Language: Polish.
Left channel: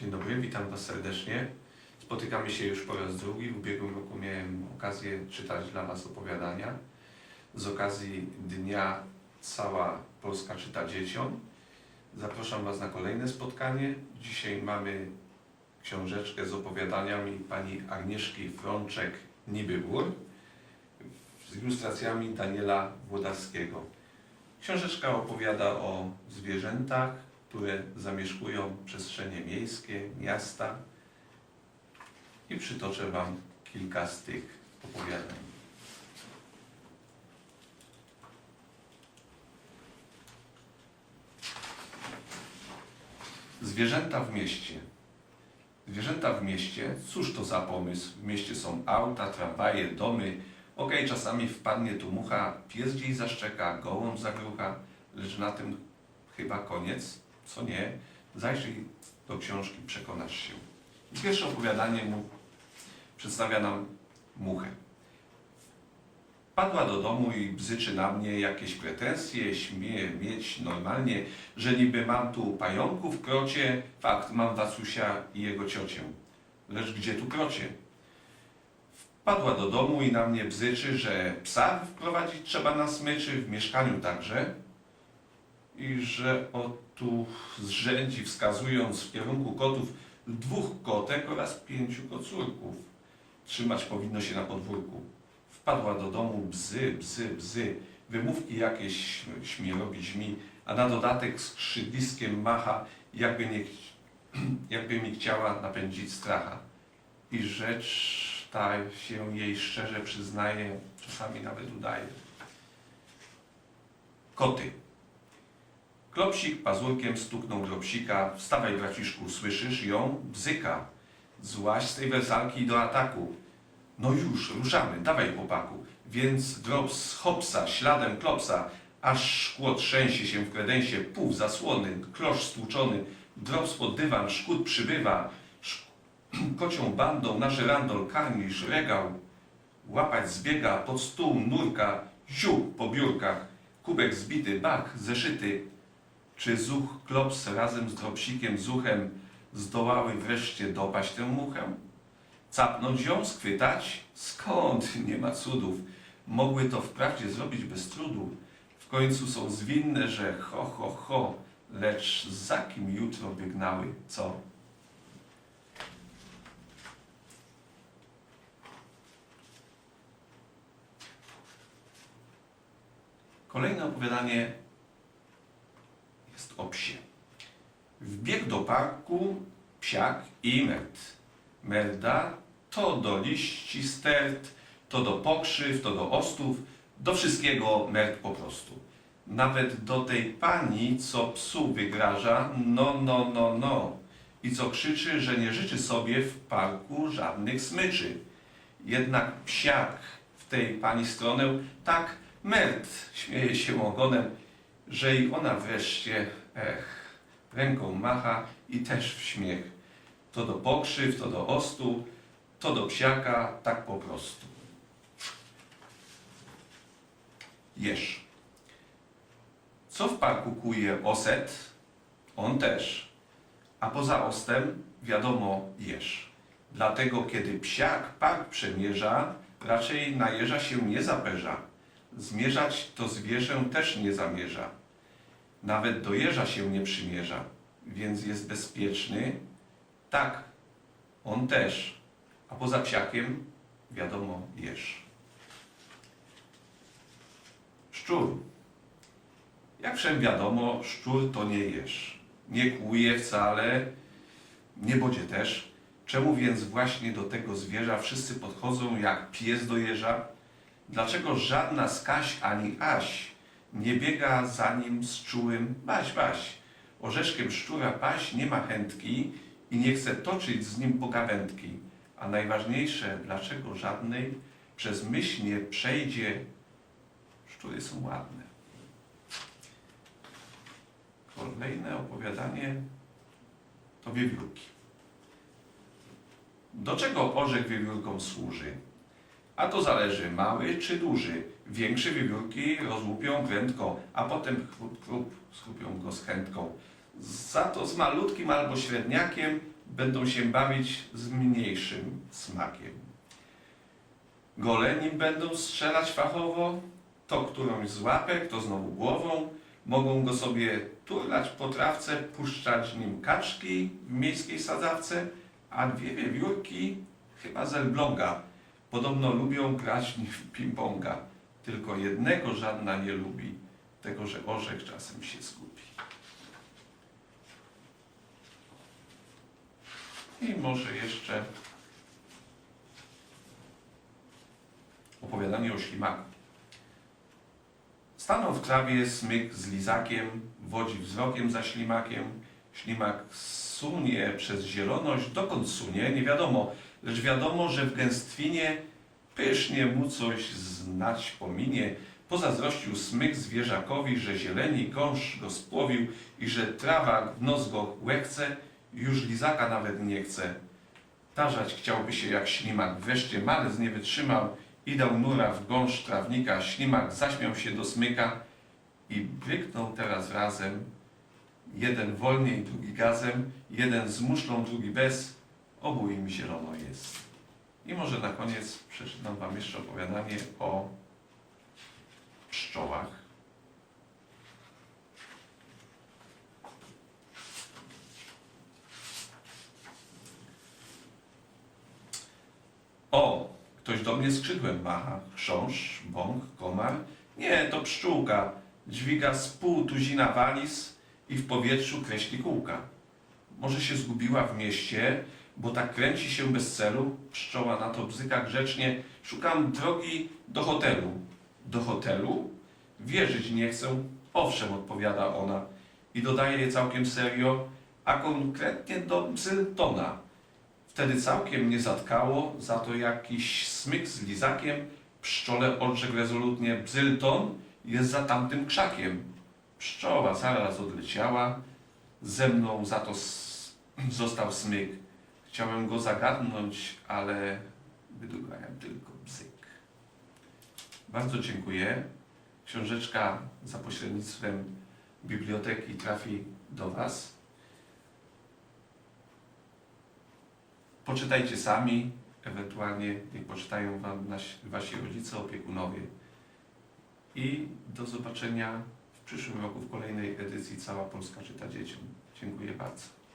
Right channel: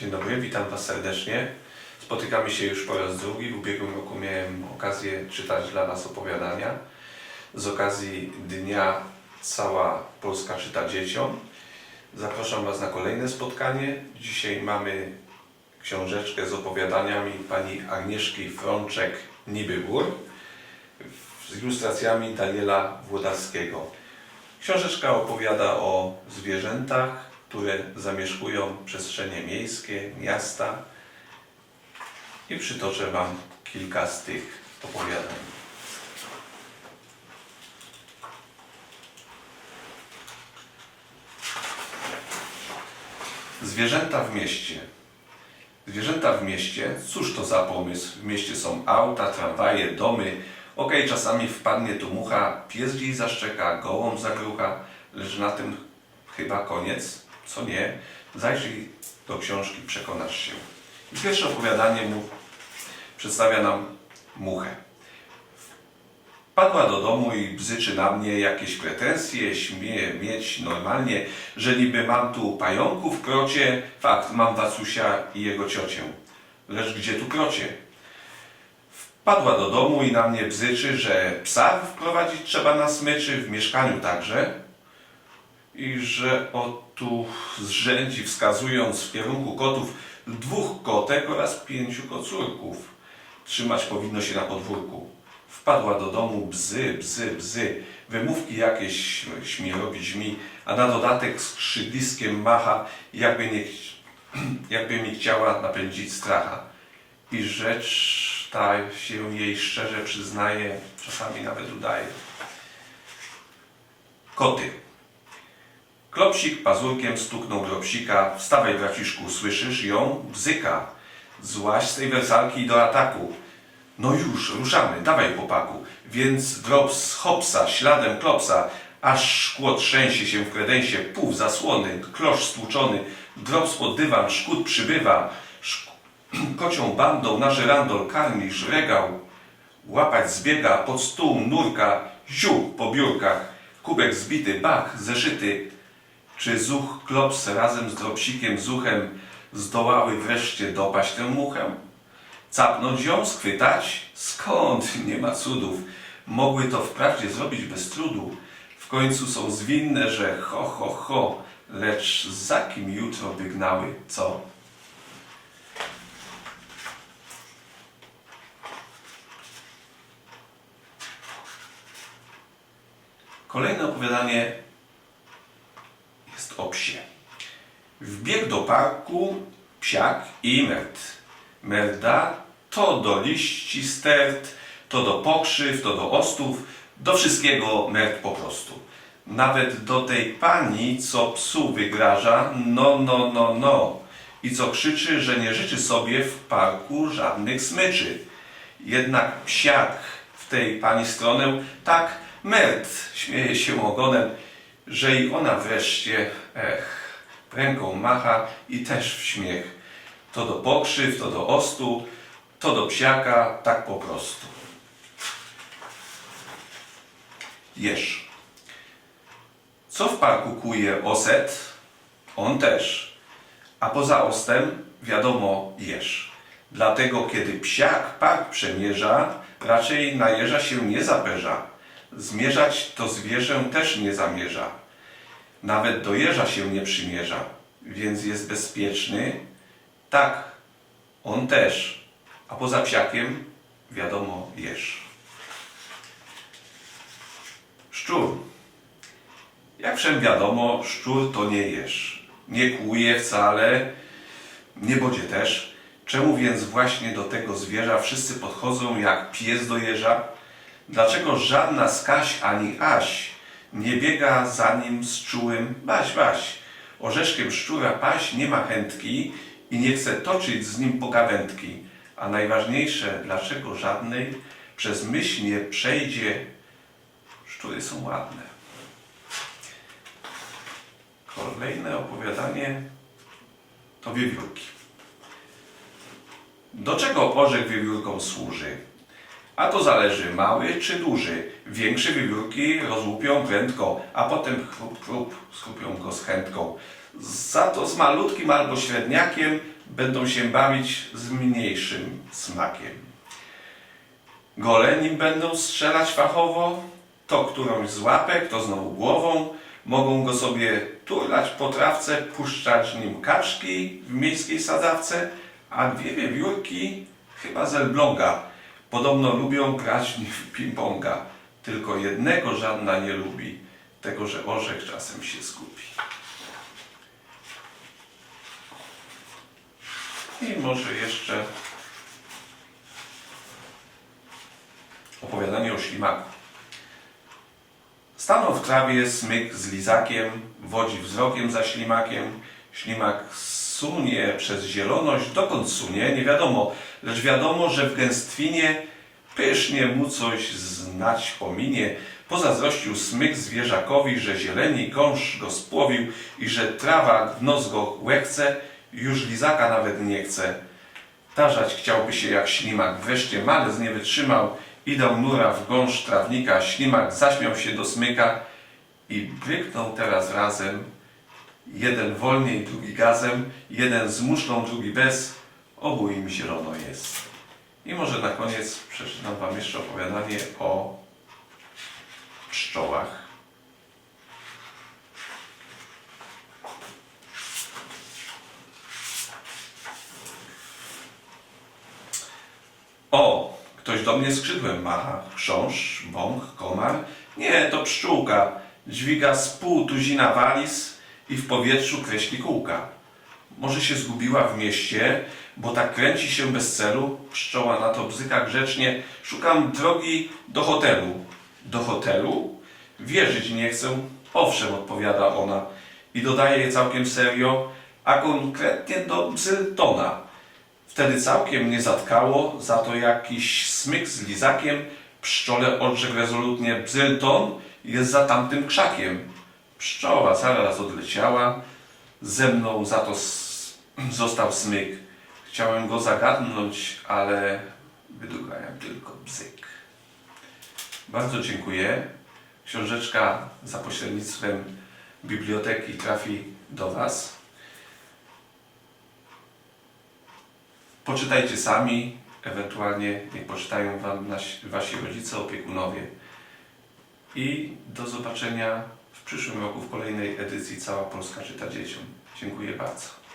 Dzień dobry, witam Was serdecznie. Spotykamy się już po raz drugi. W ubiegłym roku miałem okazję czytać dla Was opowiadania. Z okazji Dnia Cała Polska czyta dzieciom. Zapraszam Was na kolejne spotkanie. Dzisiaj mamy książeczkę z opowiadaniami pani Agnieszki Frączek-Nibybór z ilustracjami Daniela Włodarskiego. Książeczka opowiada o zwierzętach, które zamieszkują przestrzenie miejskie, miasta i przytoczę Wam kilka z tych opowiadań. Zwierzęta w mieście. Zwierzęta w mieście, cóż to za pomysł? W mieście są auta, tramwaje, domy. Okej, czasami wpadnie tu mucha, pies gdzieś zaszczeka, gołąb zagrucha, lecz na tym chyba koniec. Co nie? Zajrzyj do książki, przekonasz się. I pierwsze opowiadanie mu przedstawia nam muchę. Padła do domu i bzyczy na mnie jakieś pretensje, śmieje mieć normalnie, że niby mam tu pająków krocie, fakt, mam Wacusia i jego ciocię. Lecz gdzie tu krocie? Wpadła do domu i na mnie bzyczy, że psa wprowadzić trzeba na smyczy, w mieszkaniu także. I że tu zrzędzi wskazując w kierunku kotów dwóch kotek oraz pięciu kocurków. Trzymać powinno się na podwórku. Wpadła do domu bzy, bzy, bzy. Wymówki jakieś śmie robić mi, a na dodatek skrzydliskiem macha, jakby, nie, jakby mi chciała napędzić stracha. I rzecz ta się jej szczerze przyznaje, czasami nawet udaje. Koty. Klopsik pazurkiem stuknął drobsika. Wstawaj, braciszku, słyszysz ją? Bzyka. Złaź z tej wersalki do ataku. No już, ruszamy, dawaj chłopaku. Więc drops hopsa, śladem klopsa, aż szkło trzęsie się w kredensie, pów zasłony, klosz stłuczony, drops pod dywan, szkód przybywa, szk kocią bandą na żyrandol karmisz, regał, łapać zbiega, pod stół nurka, ziu po biurkach, kubek zbity, bach, zeszyty, czy zuch klops razem z dropsikiem zuchem zdołały wreszcie dopaść tę muchę? Capnąć ją, schwytać? Skąd? Nie ma cudów. Mogły to wprawdzie zrobić bez trudu. W końcu są zwinne, że ho, ho, ho, lecz za kim jutro wygnały, co? Kolejne opowiadanie o psie. Wbiegł do parku psiak i merd. Merda to do liści stert, to do pokrzyw, to do ostów, do wszystkiego merd po prostu. Nawet do tej pani, co psu wygraża, no, no, no, no. I co krzyczy, że nie życzy sobie w parku żadnych smyczy. Jednak psiak w tej pani stronę tak merd śmieje się ogonem, że i ona wreszcie, ech, ręką macha i też w śmiech. To do pokrzyw, to do ostu, to do psiaka, tak po prostu. Jesz. Co w parku kuje oset? On też. A poza ostem, wiadomo, jesz. Dlatego, kiedy psiak park przemierza, raczej na jeża się nie zaperza. Zmierzać to zwierzę też nie zamierza. Nawet do jeża się nie przymierza, więc jest bezpieczny. Tak, on też. A poza psiakiem, wiadomo, jesz. Szczur. Jak wszem wiadomo, szczur to nie jesz. Nie kłuje wcale, nie bodzie też. Czemu więc właśnie do tego zwierza wszyscy podchodzą jak pies do jeża? Dlaczego żadna z Kaś ani Aś nie biega za nim z czułym baś, baś? Orzeszkiem szczura paś nie ma chętki i nie chce toczyć z nim pogawędki. A najważniejsze, dlaczego żadnej przez myśl nie przejdzie, szczury są ładne. Kolejne opowiadanie to wiewiórki. Do czego orzech wiewiórkom służy? A to zależy mały czy duży. Większe wiewiórki rozłupią prędko, a potem chrup, chrup, skrupią go z chętką. Za to z malutkim albo średniakiem będą się bawić z mniejszym smakiem. Gole nim będą strzelać fachowo, to którąś z łapek, to znowu głową, mogą go sobie turlać po trawce, puszczać nim kaczki w miejskiej sadzawce, a dwie wiewiórki, chyba z Elbląga, podobno lubią grać w ping-ponga. Tylko jednego żadna nie lubi, tego, że orzech czasem się zgubi. I może jeszcze opowiadanie o ślimaku. Stanął w trawie smyk z lizakiem, wodzi wzrokiem za ślimakiem. Ślimak sunie przez zieloność, dokąd sunie, nie wiadomo, lecz wiadomo, że w gęstwinie pysznie mu coś znać pominie. Pozazdrościł smyk zwierzakowi, że zieleni kąż go spłowił i że trawa w nos go łechce, już lizaka nawet nie chce. Tarzać chciałby się jak ślimak. Wreszcie malec nie wytrzymał i dał nura w gąszcz trawnika. Ślimak zaśmiał się do smyka i bryknął teraz razem. Jeden wolniej, drugi gazem, jeden z muszlą, drugi bez. Obu im zielono jest. I może na koniec przeczytam Wam jeszcze opowiadanie o pszczołach. O, ktoś do mnie skrzydłem macha. Chrząszcz, bąk, komar. Nie, to pszczółka. Dźwiga z pół tuzina waliz i w powietrzu kreśli kółka. Może się zgubiła w mieście, bo tak kręci się bez celu. Pszczoła na to bzyka grzecznie. Szukam drogi do hotelu. Do hotelu? Wierzyć nie chcę. Owszem, odpowiada ona. I dodaje je całkiem serio, a konkretnie do Bzyltona. Wtedy całkiem mnie zatkało, za to jakiś smyk z lizakiem. Pszczole odrzekł rezolutnie, Bzylton jest za tamtym krzakiem. Pszczoła zaraz odleciała, ze mną za to został smyk. Chciałem go zagadnąć, ale wydugałem tylko bzyk. Bardzo dziękuję. Książeczka za pośrednictwem biblioteki trafi do Was. Poczytajcie sami, ewentualnie niech poczytają Wam nasi, Wasi rodzice, opiekunowie. I do zobaczenia przyszłym roku w kolejnej edycji Cała Polska czyta dzieciom. Dziękuję bardzo.